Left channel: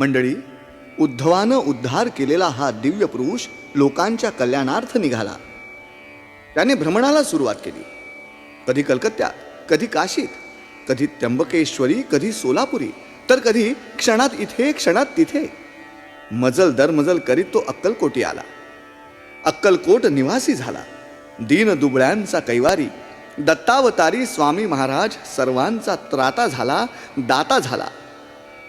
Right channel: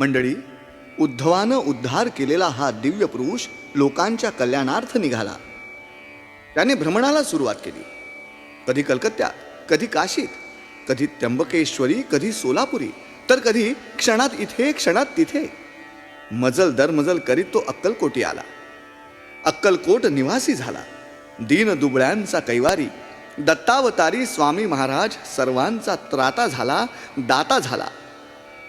मंडळी, उद्धवानं उद्धार केलेला हा दिव्य पुरुष लोकांच्या कल्याणार्थ निघाला. त्याने भ्रमणाला सुरुवात केली. कधी कलकत्त्यात, कधी काशीत, कधी त्र्यंबकेश्वरी, कधी सोलापुरी, तर कधी क्षणात इथे क्षणात तिथे. मजल दर मजल करीत तो अक्कलकोटी आला. अक्कलकोट निवासी झाला. दीन दुबळ्यांचा कैवारी, दत्तावतारी स्वामी महाराज सर्वांचा त्राता झाला, दाता झाला.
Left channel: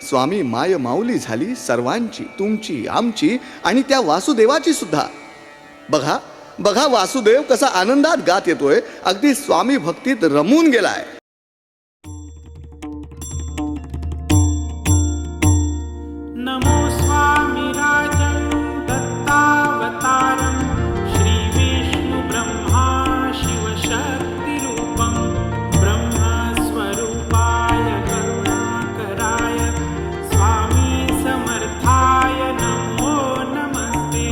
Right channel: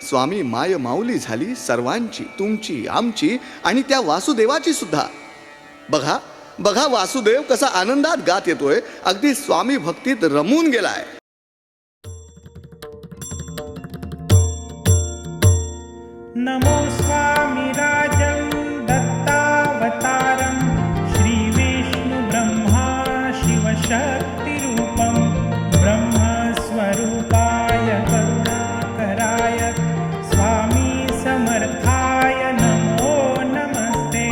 स्वामी माय माऊली झाली सर्वांची, तुमची, आमची आणि त्या वासुदेवाची सुद्धा. बघा बघा, वासुदेव कसा आनंदात गात येतोय, अगदी स्वामी भक्तीत रमून गेलाय. नमो स्वामिराजं दत्तावतारं श्रीविष्णुब्रह्मा शिवशक्तिरूपं ब्रह्मस्वरूपाय करुणाकराय स्वामी समर्थाय नमो नमस्ते.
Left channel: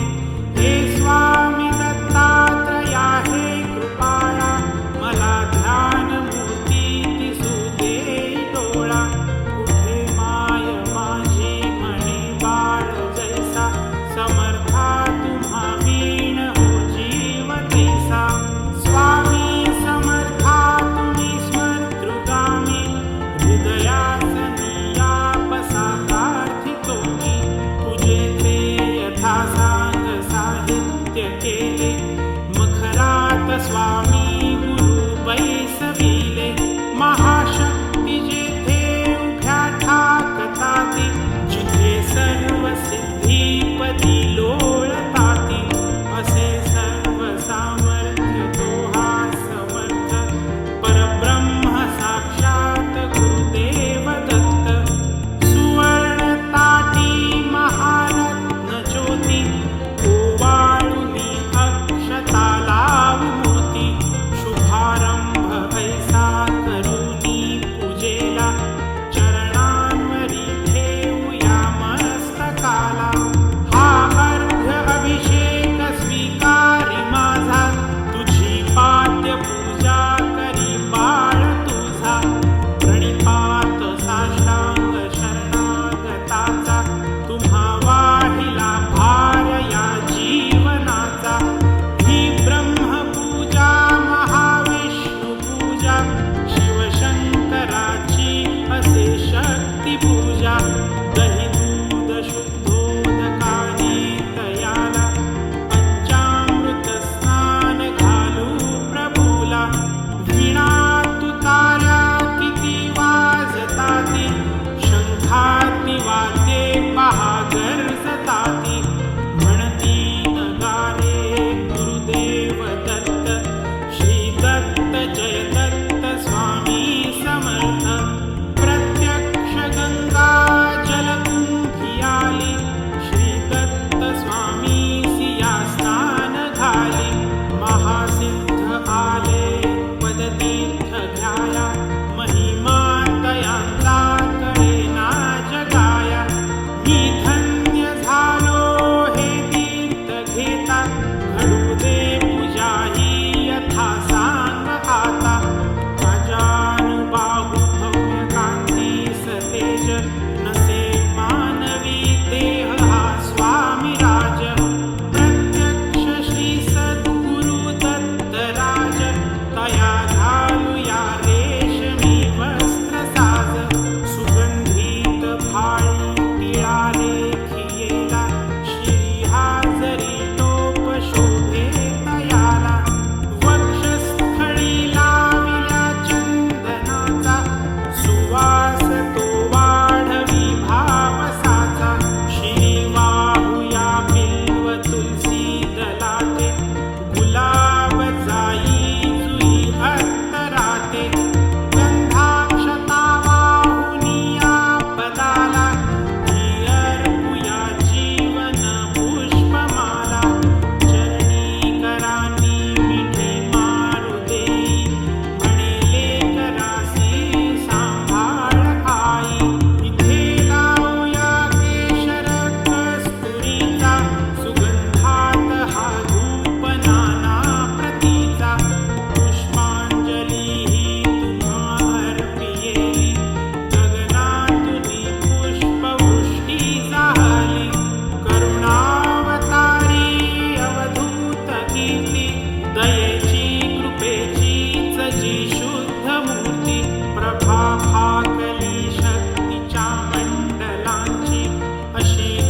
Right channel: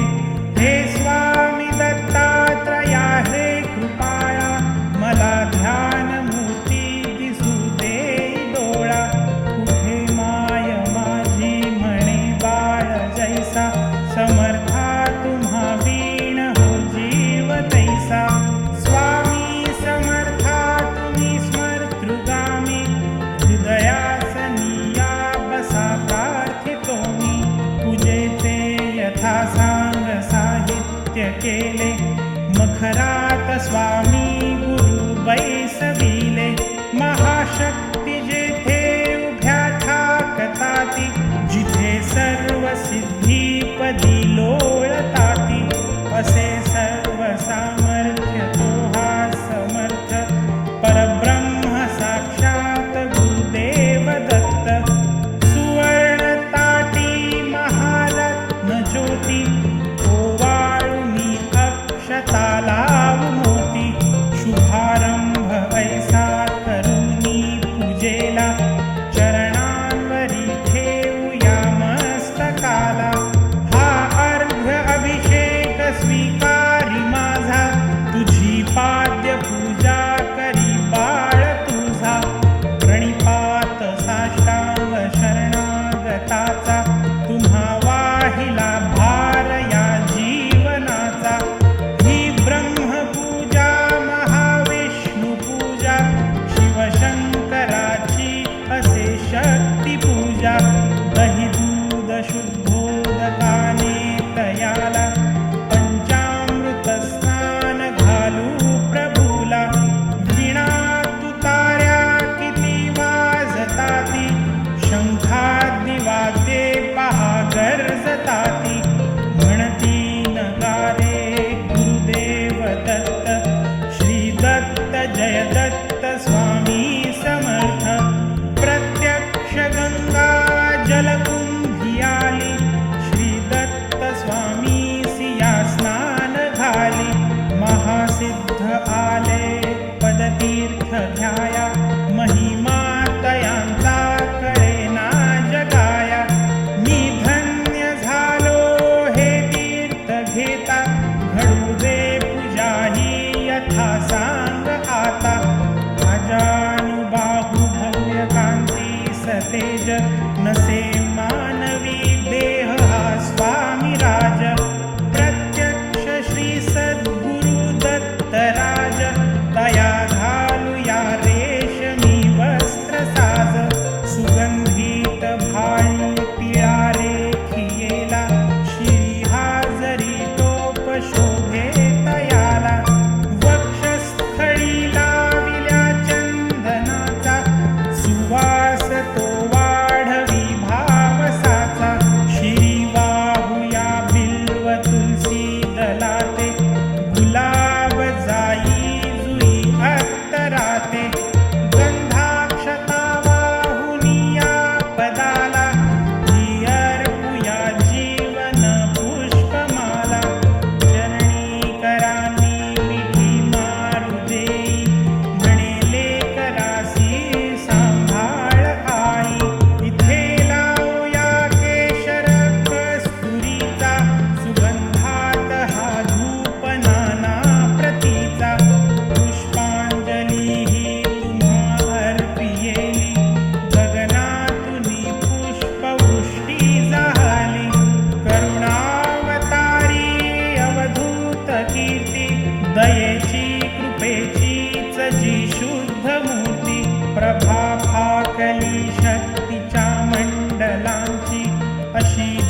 हे स्वामी दत्तात्रया हे कृपाळा, मला ध्यानमूर्ती दिसू दे डोळा. कुठे माय माझी म्हणे बाळ जैसा, समर्था तुम्हा वीण हो जीव तैसा. स्वामी समर्था तुम्ही स्मर्तृगामी, हृदयासनिया बसा प्रार्थितो मी. पूजेचे यथा सांग साहित्य केले, मखरात स्वामी गुरु बैसविले. महाशक्ती जेथे उभ्या ठाकताती, जिथे सर्व सिद्धीपदी लोळताती. असे सर्व सामर्थ्य तो हा समर्थ, परब्रह्म साक्षात गुरुदेव दत्त. सुवर्ण ताटी महारत्न ज्योती, ओवाळुनी अक्षता लावू मोती. शुभारंभ ऐसा करुनी पूजेला, चरणांवरी ठेवूया मस्तकाला. हा अर्घ्य अभिषेक स्वीकारी माझा, तुझी पाद्य पूजा करी बाळ तुझा. प्रणिपात साष्टांग शरणागताचा, तुम्हा वाहिला भार या जीवनाचा. ही ब्रह्मपूजा महाविष्णू पूजा, शिवशंकराची असे शक्ती पूजा. दही दूध शुद्धोदकाने तयाला, पंचामृत स्नान घालू प्रभूला. वीणा तुतार्या किती वाजताती, शंखाती वाद्ये पहा गरजताती. म्हणती नगारे गुरुदेव दत्त, श्री दत्त जय दत्त स्वामी समर्थ. प्रत्यक्ष गंगा जलकुंभी आली, श्री दत्त स्वामी सिया स्नान घाली. महासिद्ध आले पदतीर्थ घ्याया, महिमा तयांचा कळेना जगाया. मी धन्य झालो हे तीर्थ घेता, घडू दे पूजा ही यथा सांग आता. अजानुबाहू भव्य कांती सतेज, नसे मानवी देह हा स्वामी राज. प्रत्यक्ष श्री सद्गुरु दत्तराज, तया घालूया रेशमी वस्त्र साज. सुगंधित भाळी टिळा रेखियेला, श्री हाजरी टोप शोभे तयाला. वक्षस्थळी लाविल्या चंदनाचा, सुवास तो वाढवी भावसा.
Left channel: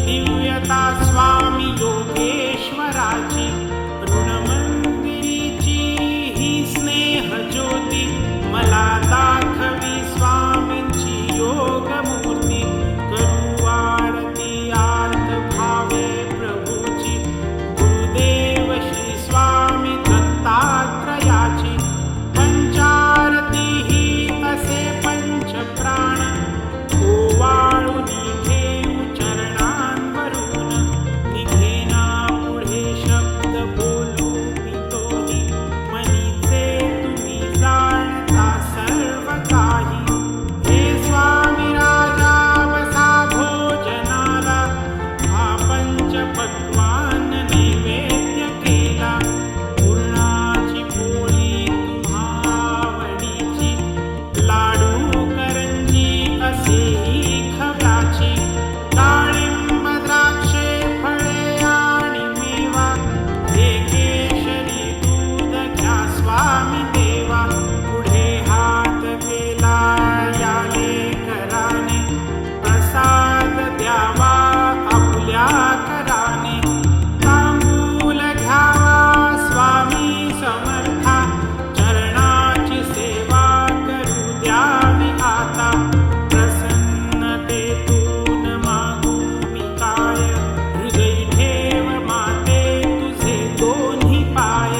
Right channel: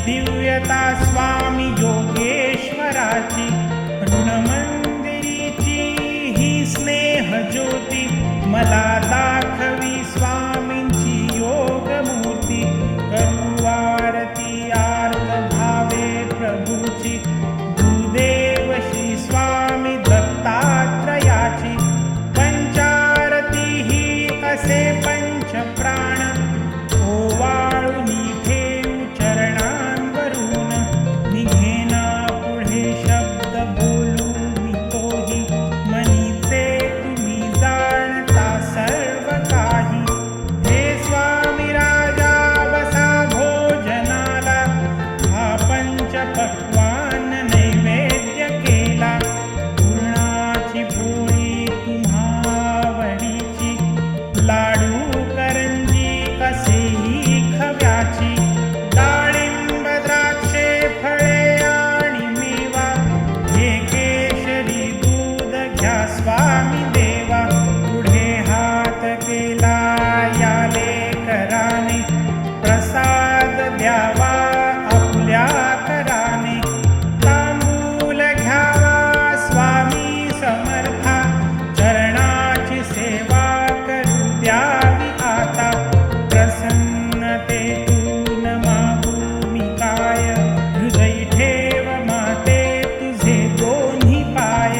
दिव्यता स्वामी योगेश्वराची, ऋणमंदिरीची ही स्नेह ज्योती, मला दाखवी स्वामींची योगमूर्ती. करू आरती आर्त भावे प्रभूची, गुरुदेव श्री स्वामी दत्तात्रयाची. पंचारती ही असे पंचप्राण, ओवाळूनी ठेवू चरणांवरून. निघेना पुढे शब्द बोलू मी तोही, मनीचे तुम्ही जाणता सर्व काही. हे स्वामी राजा बसा भोजनाला, हा पंचपक्वान्न नैवेद्य केला. पूर्णाची पोळी तुम्हा आवडीची, लाडू करंजी असेही खव्याची. डाळिंब द्राक्षे फळे आणि मेवा, हे केशरी दूध घ्या स्वामी देवा. पुढे हात केला याले कराने, प्रसाद द्यावा आपुल्या कराने. तांबूल घ्यावा स्वामी समर्था, चरणाची सेवा करू द्यावी आता. प्रसन्नतेतून मागू मी काय, हृदयी ठेव माते तुझे दोन्ही पाय.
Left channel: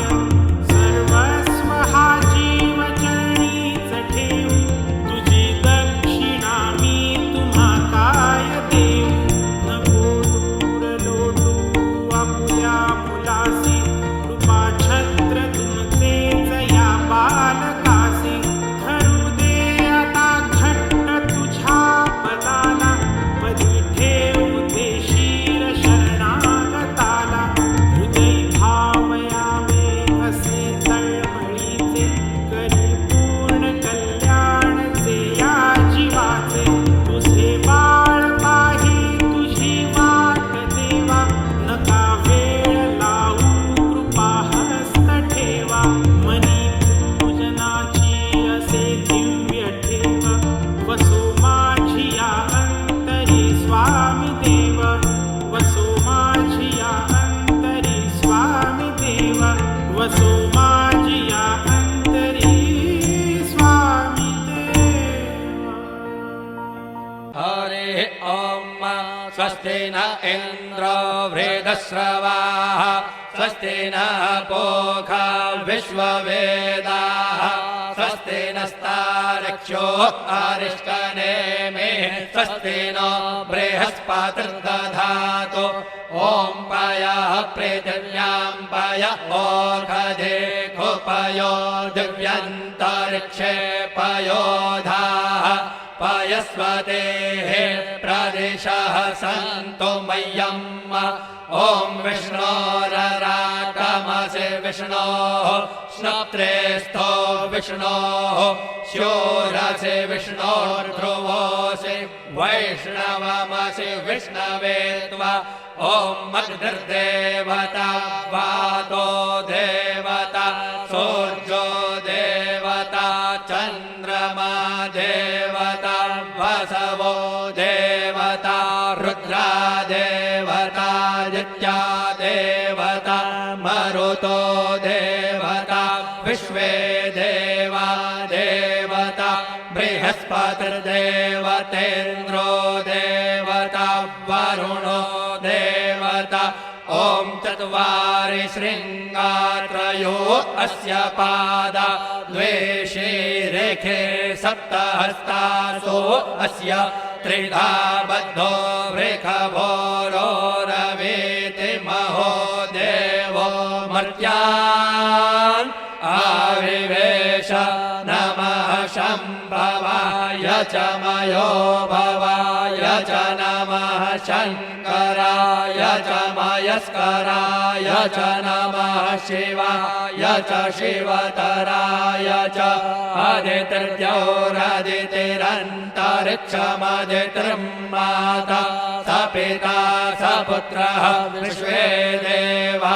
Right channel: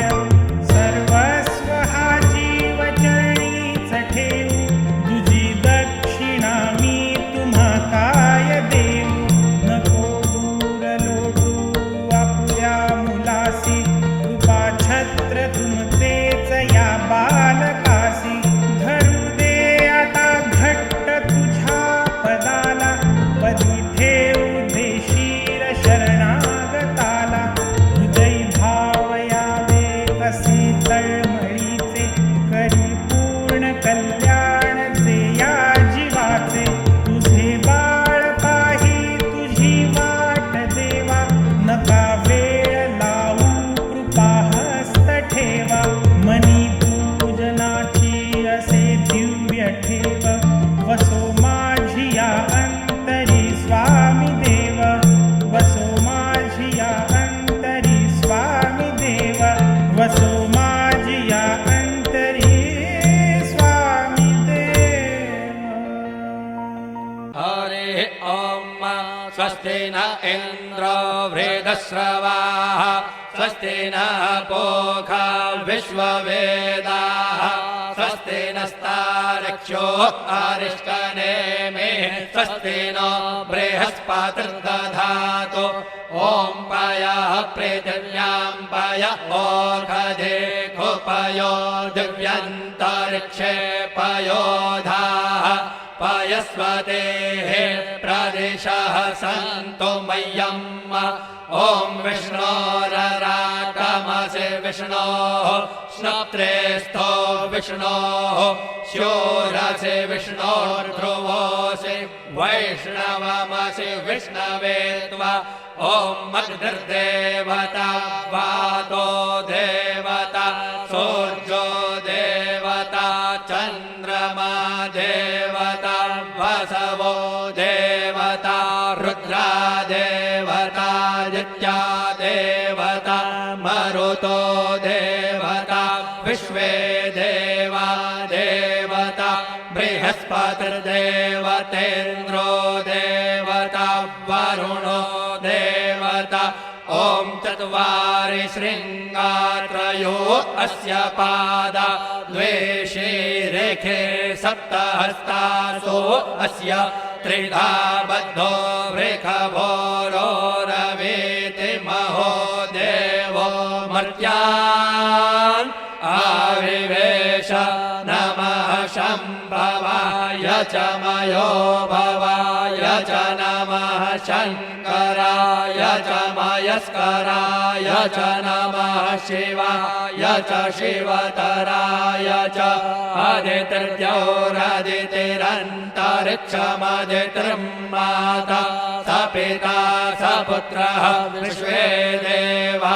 सर्वस्व हा जीव चरणीच ठेवू, तुझी दक्षिणा मी तुम्हा काय देऊ. नको दूर लोटू आपुल्या मुलासी, कृपा छत्र तुमचेच या बालकासी. धरू दे आता घट्ट तुझ्या पदाला, पदी ठेवू दे शिर शरणागताला. हृदय भाव यावे असे तळमळीचे, करी पूर्ण कल्याण जे या जीवाचे. तुझे बाळ पाही तुझी वाट देवा, नका वेळ लावू कृपा हस्त ठेवा. मनी पूजनाची असे दिव्य ठेव, वसो माझी या अंतरी स्वामी देव. वसो माझी या अंतरी स्वामी देव, वसो माझी या अंतरी स्वामी देव. हरे ॐ स्वस्ति न इन्द्रो वृद्धश्रवाः, स्वस्ति नः पूषा विश्ववेदाः, स्वस्ति नस्तार्क्ष्यो अरिष्टनेमिः, स्वस्ति नो बृहस्पतिर्दधातु. ॐ पयः पृथिव्यां पय ओषधे कुपयो, दिव्यन्तरिक्षे पयोधाः. पयस्वतेः प्रदिशः सन्तु मह्यम्. ॐ विष्णोरराटमसि विष्णोः, श्नप्त्रेस्थो विष्णोः, शूरसि विष्णोर्ध्रुवोऽसि, वैष्णवमसि विष्णवे त्वा. ॐ अग्निर्देवता, वातो देवता, सूर्यो देवता, चन्द्रमा देवता, वसवो देवता, रुद्रा देवता, आदित्या देवता, मरुतो देवता, विश्वे देवा देवता, बृहस्पतिर्देवतेन्द्रो देवता, वरुणो देवता. ॐ चत्वारि शृङ्गात्रयो अस्य पादा, द्वे शीरेखे सप्तहस्तासो अस्य, त्रिधा बद्धो वृषभोरोरवीति महो देवो मर्त्यान् आविवेश. नमः शम्भवाय च मयो भवाय च नमः शङ्कराय च मयस्कराय च नमः शिवाय च शिवतराय च. आदित्यौरादितिरन्तरिक्षमदितिर्माता, स पिता स पुत्रः विश्वे देवा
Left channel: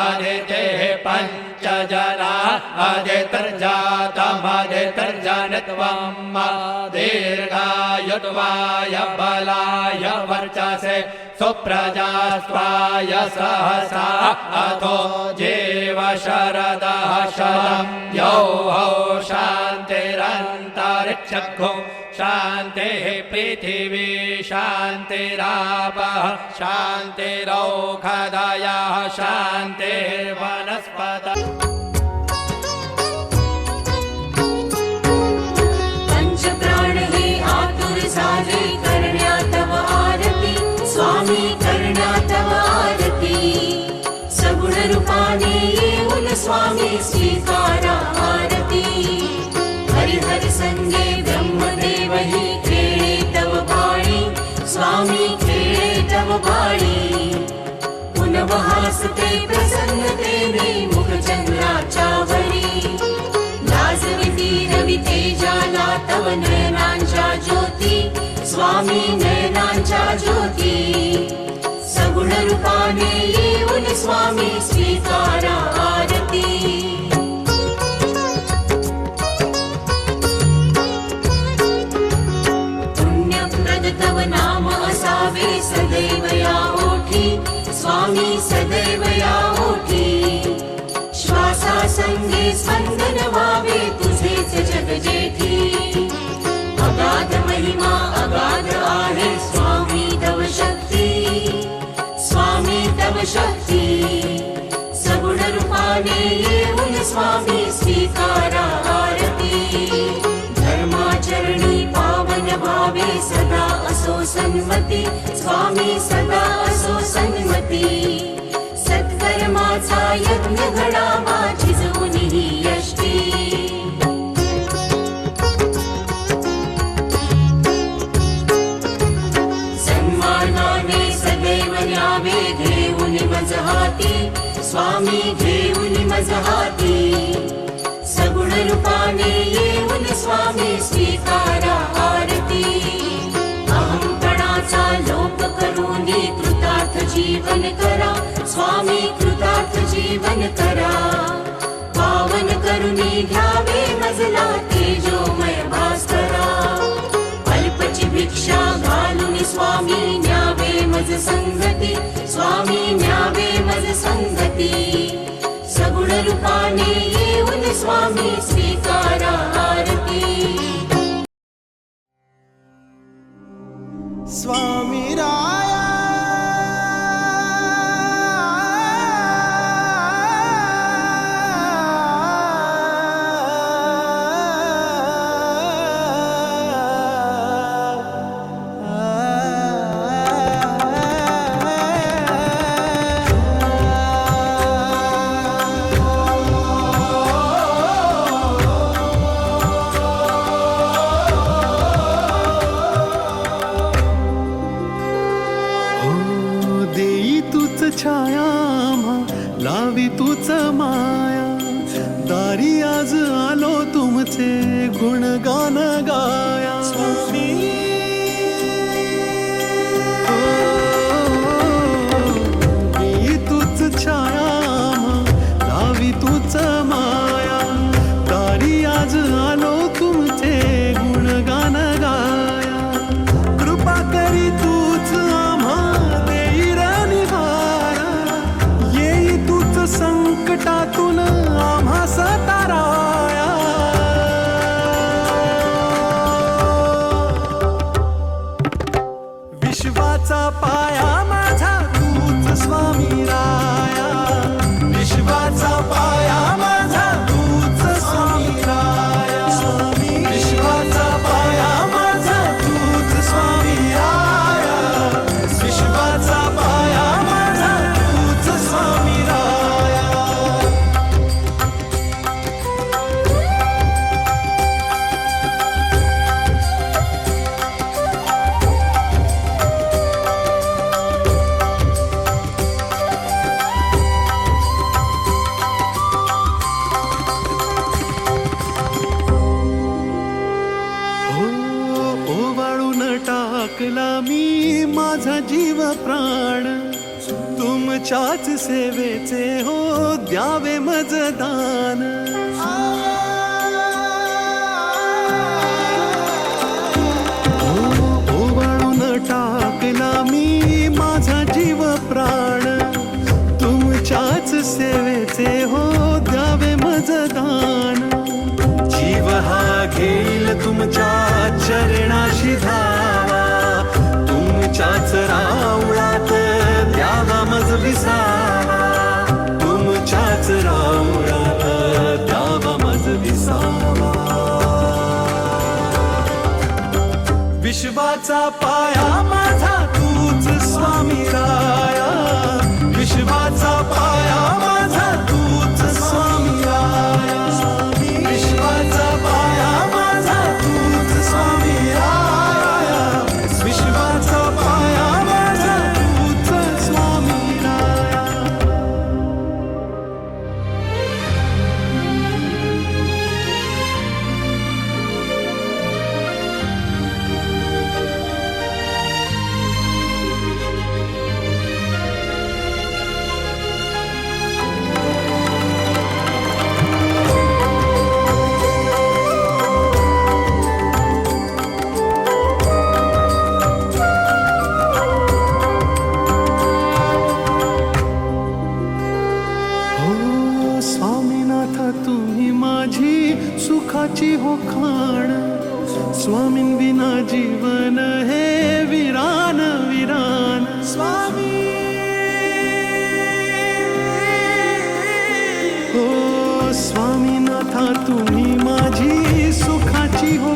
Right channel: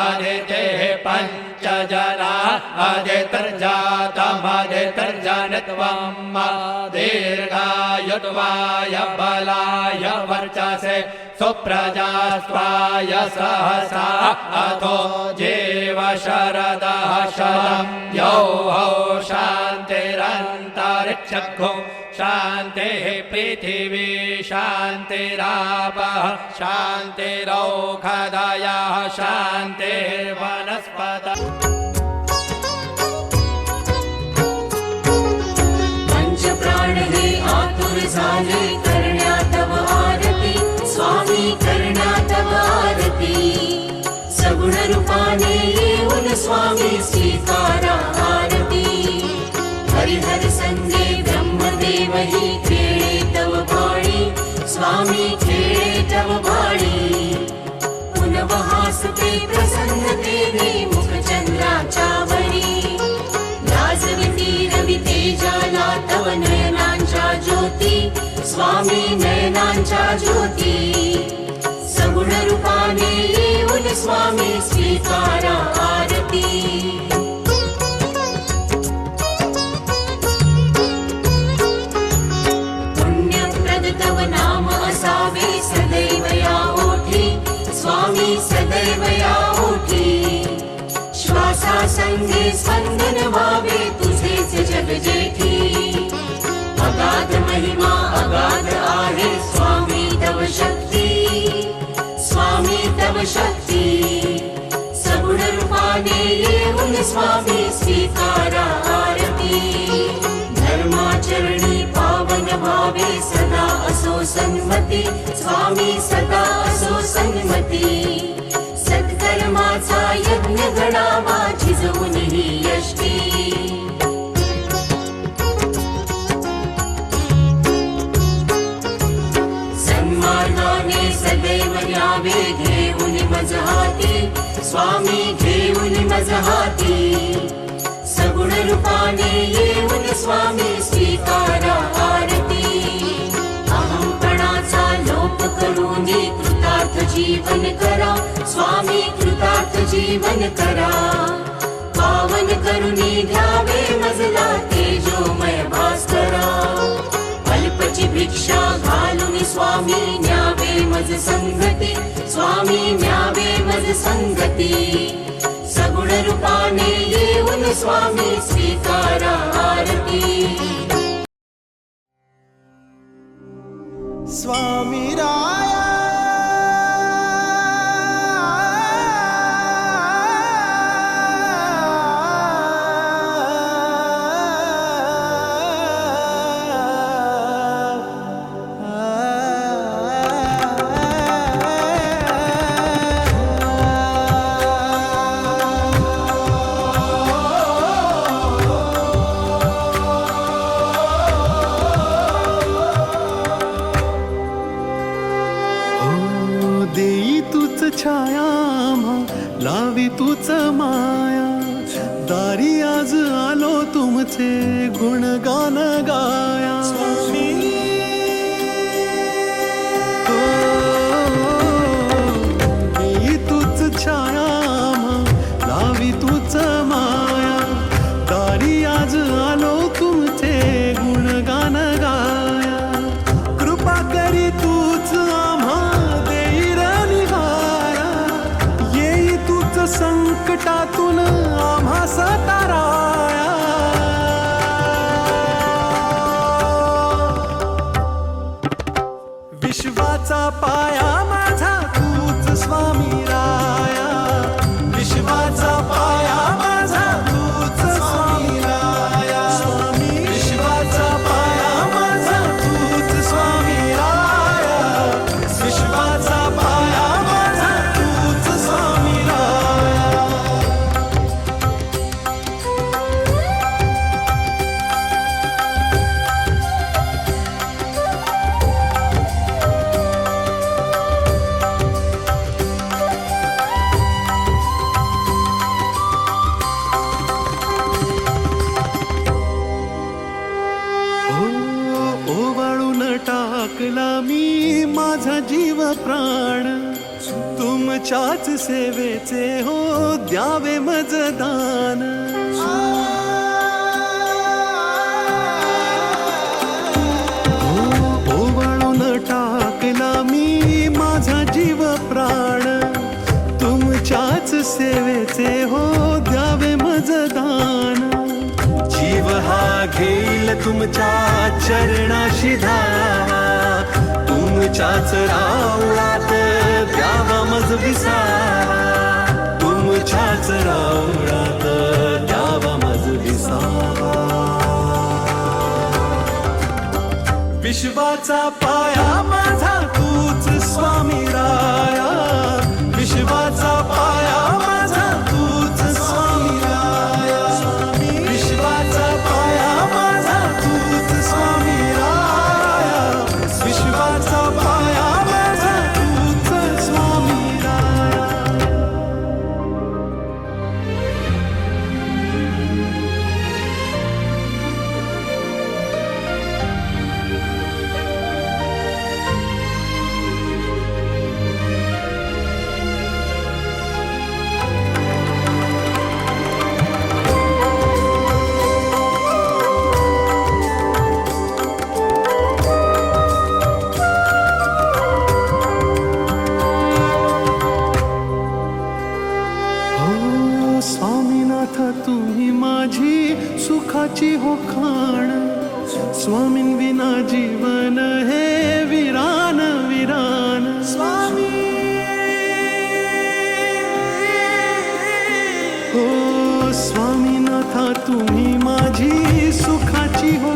आदितेः पञ्चजना. आदितिर्जातमदितिर्जनित्वम्, दीर्घायुत्वाय बलाय वर्चसे सुप्रजास्त्वाय सहसा अथो जीव शरदः शतं यौः शान्तिरन्तरिक्षगो शान्तिः पृथिवी शान्तिरापः शान्तिरौषधयः शान्तिर्वनस्पतयः प्राण हे आतुर झाले करण्या तव आरती स्वामी करण्या तव आरती सगुण रूपाने येऊन स्वामी स्वीकारा आरती हरिहर संगे ब्रह्मदेव ही खेळे तव भाळी स्वामी खेळे तव भाळी पुनवहासते प्रसन्नतेने मुखचंद्राच्या वरी लाजविती रवि तेजाला तव नयनांच्या ज्योती स्वामी नयनांच्या ज्योती सगुण रूपाने येऊन स्वामी स्वीकारा आरती पुण्यप्रद तव नाम असावे सदैव या ओठी स्वामी सदैव या ओठी श्वासा संगे स्पंदन व्हावे तुझेच जग जेठी अगाध महिमा अगाध आहे स्वामी तव शक्ती स्वामी तव शक्ती सगुण रूपाने येऊन स्वामी स्वीकारा आरती धर्माचरणी पावन भावे सदा असो सन्मती स्वामी सदा असो सन्मती सत्कर्माचा यज्ञ घडावा झिजवून ही यष्टी सन्मानाने सदैव न्यावे घेऊन मज हाती स्वामी घेऊन मज हाती सगुण रूपाने येऊन स्वामी स्वीकारा आरती अहंपणाचा लोप करून कृतार्थ जीवन करा स्वामी कृतार्थ जीवन करा पावन करुणी घ्यावे मजला तेजोमय भास्करा अल्पची भिक्षा घालून स्वामी न्यावे मज संगती स्वामी न्यावे मज संगती सगुण रूपाने येऊन स्वामी स्वीकारा आरती स्वामी राया छाया लावी तूच माया दारी आज आलो तुमचे गुणगान गाया स्वामी देई तूच छाया लावी तूच माया दारी आज आलो तुमचे गुणगान गाया कृपा करी तूच आम्हा देई निघाया येई तूच संकटातून आम्हा सताराया विश्वाचा पाया माझा तूच स्वामी राया विश्वाचा पाया माझा तूच स्वामी राया स्वामी विश्वाचा पाया माझा तूच स्वामी राया विश्वाचा पाया माझा तूच स्वामी राया ओवाळून टाकला मी माझा जीव प्राण तुमच्याच सेवेचे हो द्यावे मज दान ओवाळून टाकला मी माझा सेवेचे हो द्यावे मजदान. जीव हा घेईल तुमच्या चरणाशी धावा, तुमच्याच राऊळात द्यावा मज विसावा, तुमच्याच राऊळात द्यावा मज विसावा. विश्वाचा पाया माझा तूच स्वामी राया, विश्वाचा पाया माझा तूच स्वामी राया, विश्वाचा पाया माझा तूच स्वामी राया, विश्वाचा पाया माझा तूच स्वामी राया. स्वामीनाथ तुम्ही माझी सुखाची हो खाण, स्वामीं विना जीवन हे विरान विरान. स्वामी हो स्वामीनाथ तुम्ही माझी सुखाची हो